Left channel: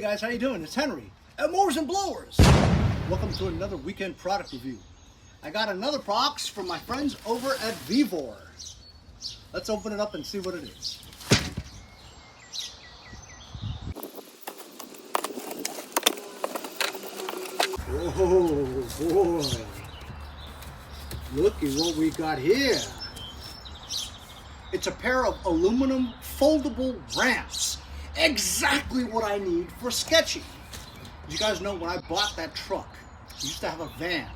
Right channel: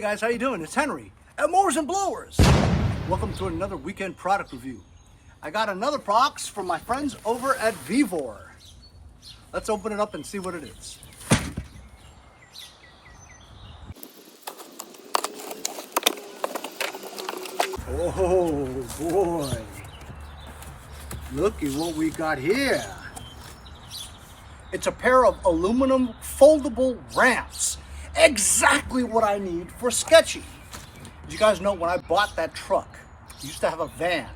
guys, how you doing? It's Henry at Mowers and Blowers. Welcome to another weekend product review. I got another box from my friends over at Vevor. Let's open it up and see what it is. Oh boy, look at what we got here. It's a pair of aluminum foldable ramps. Exactly what I need for sketching. As you guys know, when I bought that truck, I used to have a van,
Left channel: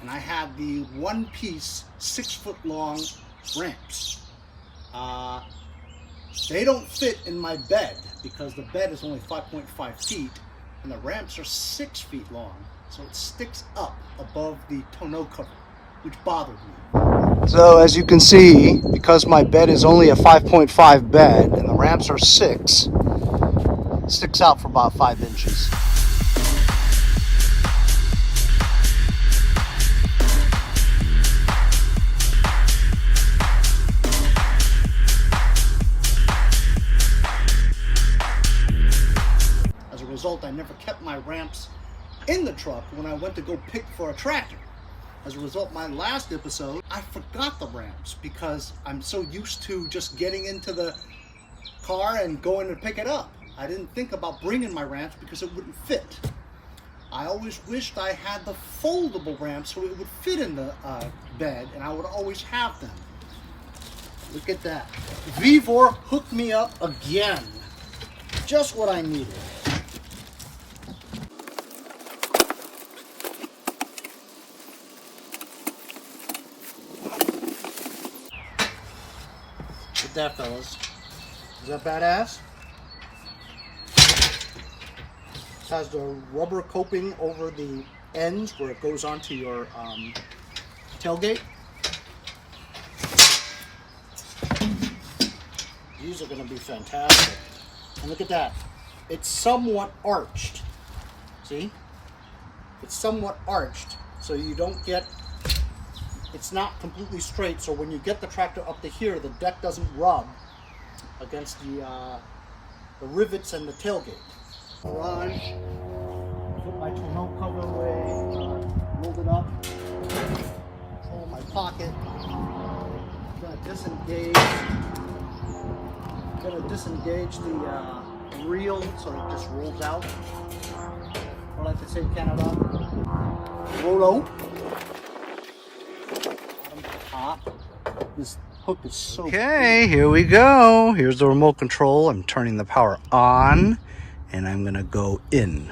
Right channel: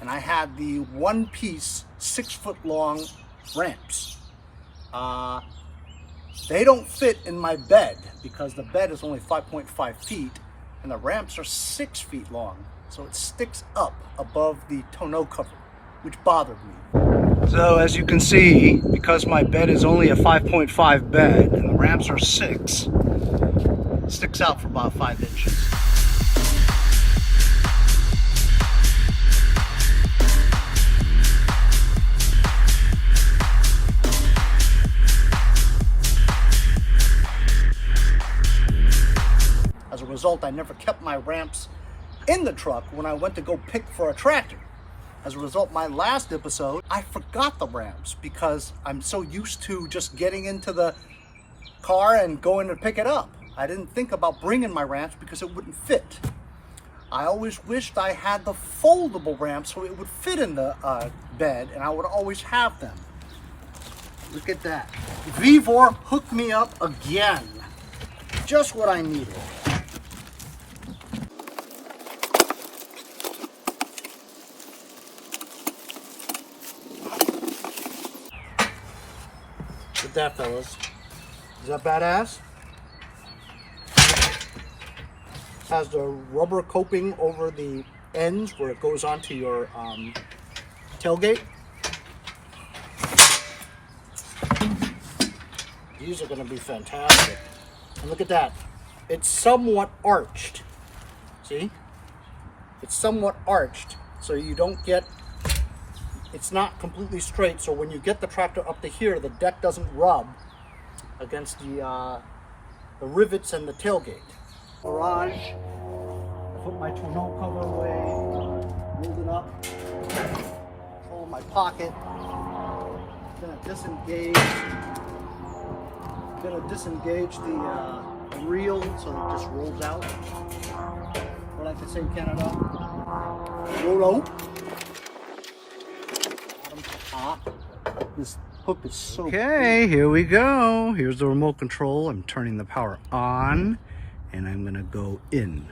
and I had the one-piece 6-foot-long ramps. They don't fit in my bed because the bed is only 5.5 feet and the ramps are 6 feet long, so it sticks up above the tonneau cover, which bothered me. So as you can see, because my bed is only a 5.5 bed and the ramps are 6, it sticks out for about 5 inches. As a result, I never kept my ramps in the truck when I went to go pick for a tractor. As a result, my last episode, I forgot the ramps because I'm so used to just getting into the car and going to pick it up. I didn't think about bringing my ramps because it wouldn't fit. I always wished I had the foldable ramps so it would fit in the bed and I would always have them. Look at that. Vevor hooked me up again. Just what I needed. Look at that, fellas. Is that badass? It has the rubber coping over the ends where it goes onto your tailgate. These are going to be fantastic. And look at that. It's somewhat arched. See? It's somewhat arched, so you don't get... It's not completely straight, so when you get the tractor up to here, the deck doesn't rub against the rivets and the tailgate. Garage, I put my tonneau cover away, rolled it up, pull in my pocket. Gonna disengage the reel so it just rolls out. Or like they say in Canada, rollo. Top. This hook is so okay, here we go. Here's the remote control. I'm turning the power on and I'm gonna go in.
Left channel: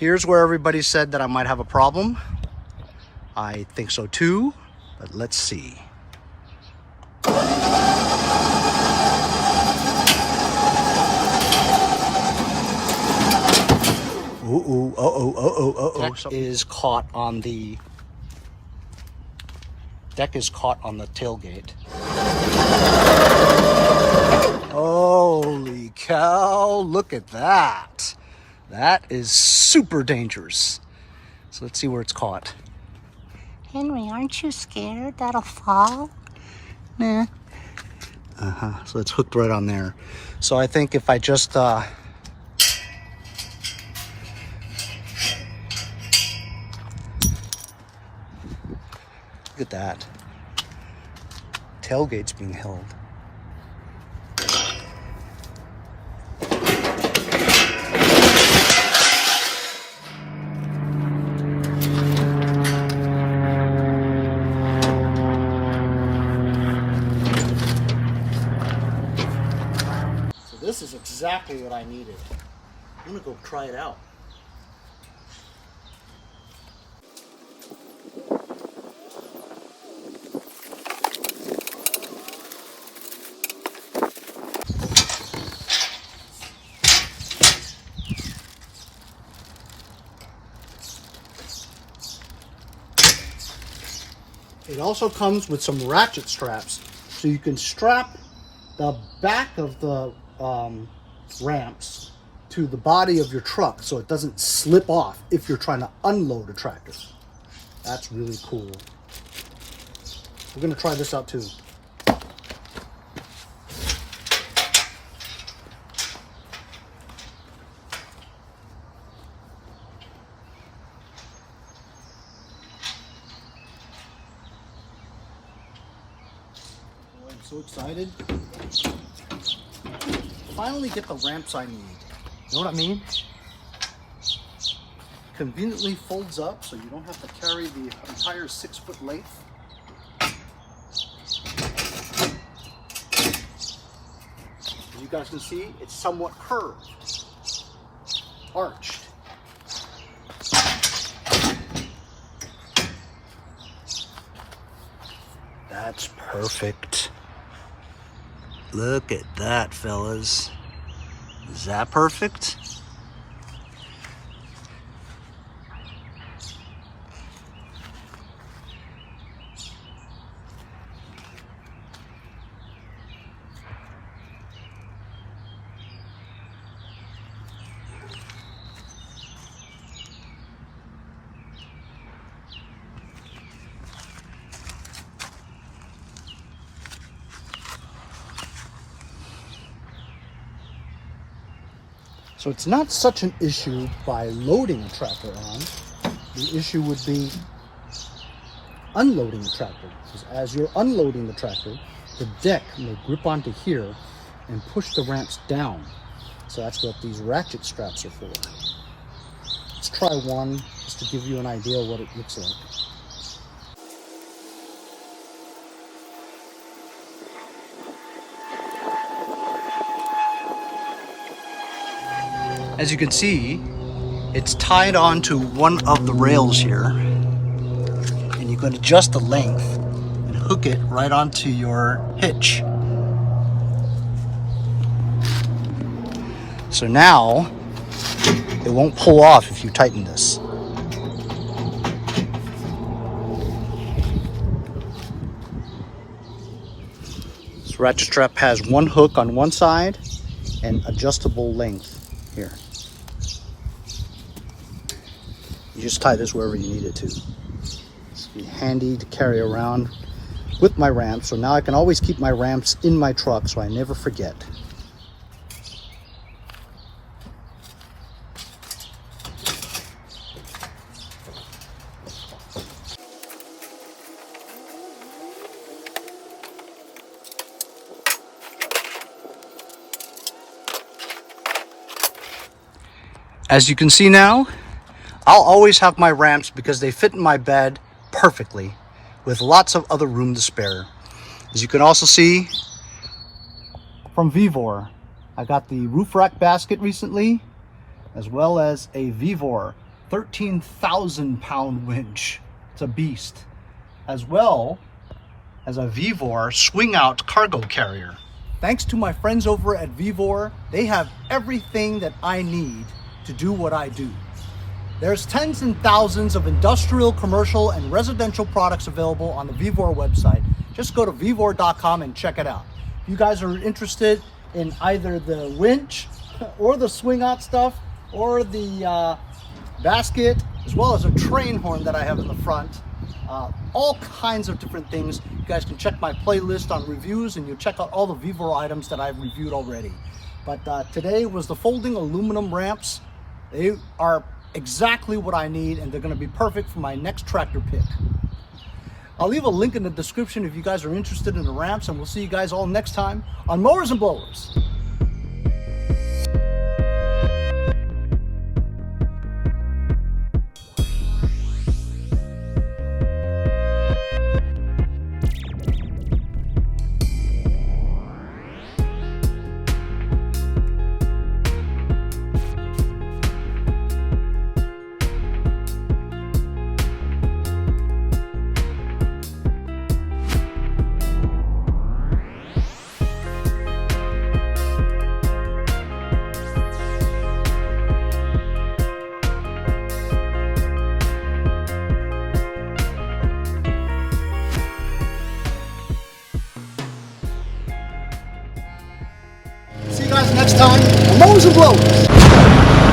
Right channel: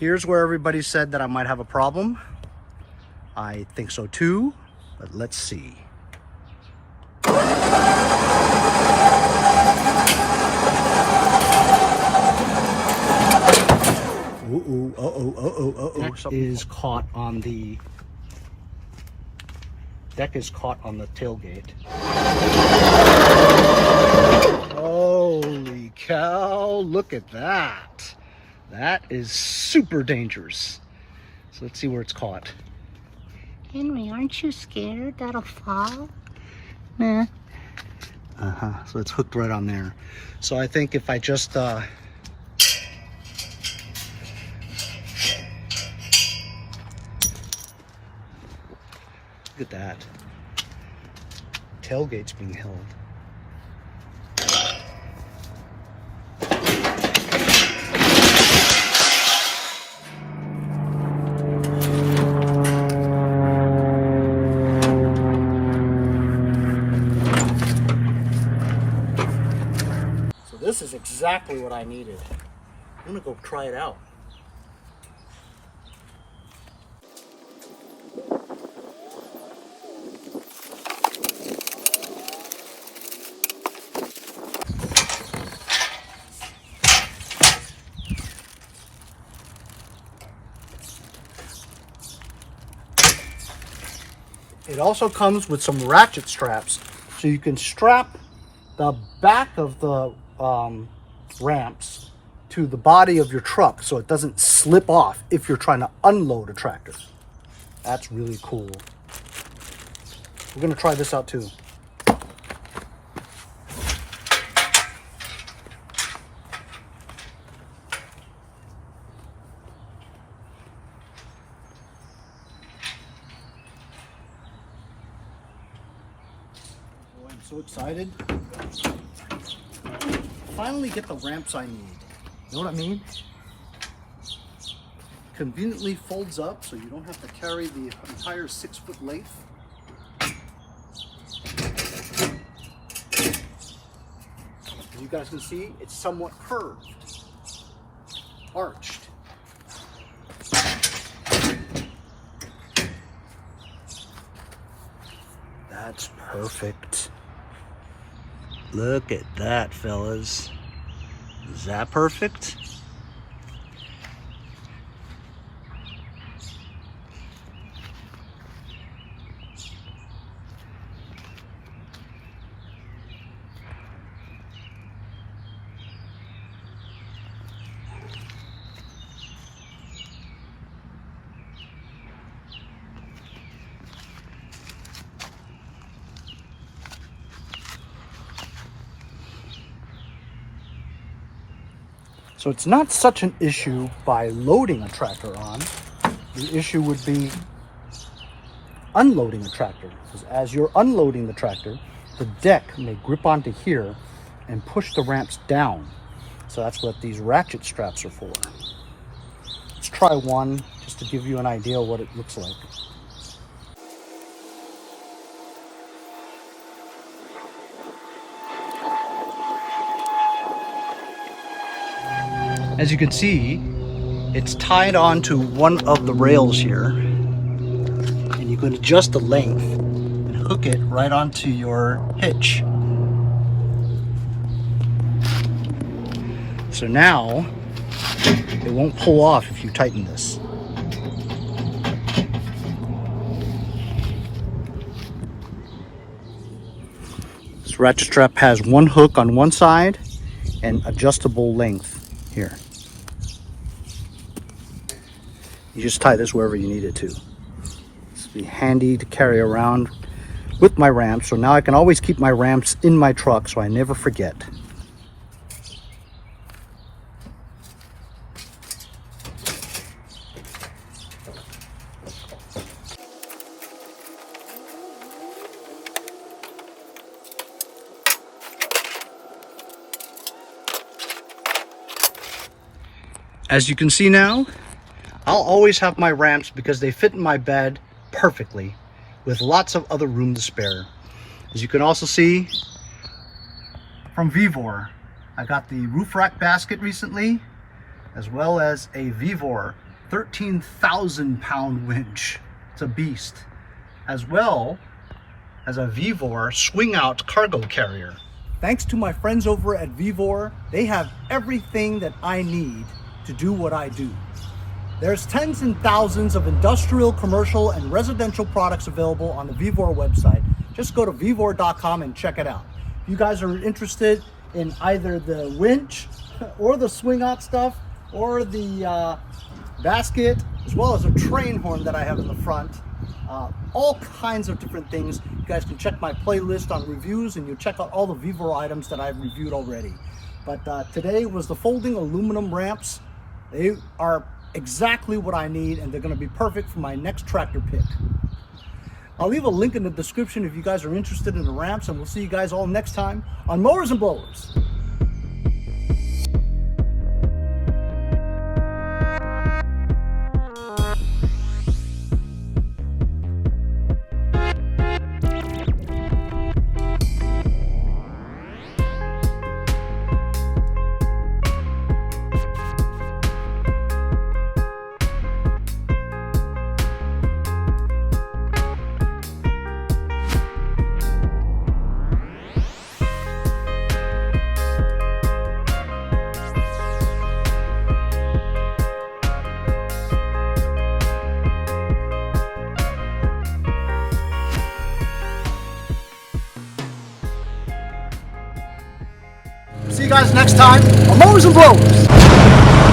Here's where everybody said that I might have a problem. I think so too. But let's see. Something is caught on the deck is caught on the tailgate. Holy cow, look at that. That is super dangerous. So let's see where it's caught. Henry, aren't you scared that'll fall? Nah. So it's hooked right on there. So I think if I just look at that. Tailgate's being held. This is exactly what I needed. I'm gonna go try it out. It also comes with some ratchet straps, so you can strap the back of the ramps to the body of your truck so it doesn't slip off if you're trying to unload a tractor. That's really cool. We're gonna try this out too. Boy, I'm so excited. Finally get the ramps I need. You know what I mean? Conveniently folds up so you don't have to carry the entire 6 foot length. As you guys can see, it's somewhat curved, arched. That's perfect. Look at that, fellas. Is that perfect? So it's not such an issue by loading a tractor on. The issue would be unloading a tractor. Because as you're unloading the tractor, the deck may grip onto here and push the ramps down. So that's what these ratchet straps are for. Let's try one just to give you an idea of what it looks like. As you can see, it's tied onto one of the rails here, and you can adjust the length and hook it right onto your hitch. So now it won't pull off if you tighten this. This ratchet strap has one hook on one side and adjustable length here. You just tie this wherever you need it to. It's be handy to carry around with my ramps, so now I can always keep my ramps in my truck so I never forget. As you can see now, I'll always have my ramps because they fit in my bed perfectly with lots of other room to spare. As you can also see from Vevor, I got the roof rack basket recently, as well as a Vevor 13,000 pound winch. It's a beast. As well as a Vevor swing out cargo carrier. Thanks to my friends over at Vevor, they have everything that I need to do what I do. There's tens and thousands of industrial, commercial, and residential products available on the Vevor website. Just go to vevor.com and check it out. If you guys are interested in either the winch or the swing out stuff or the basket, as well as a train horn that I have in the front, all kinds of different things. You guys can check my playlist on reviews and you'll check out all the Vevor items that I've reviewed already. But today was the folding aluminum ramps. They are exactly what I need, and they're going to be perfect for my next tractor pick. I'll leave a link in the description if you guys are interested in the ramps, and we'll see you guys all next time on Mowers and Blowers. See you guys next time on Mowers and Blowers. Bye.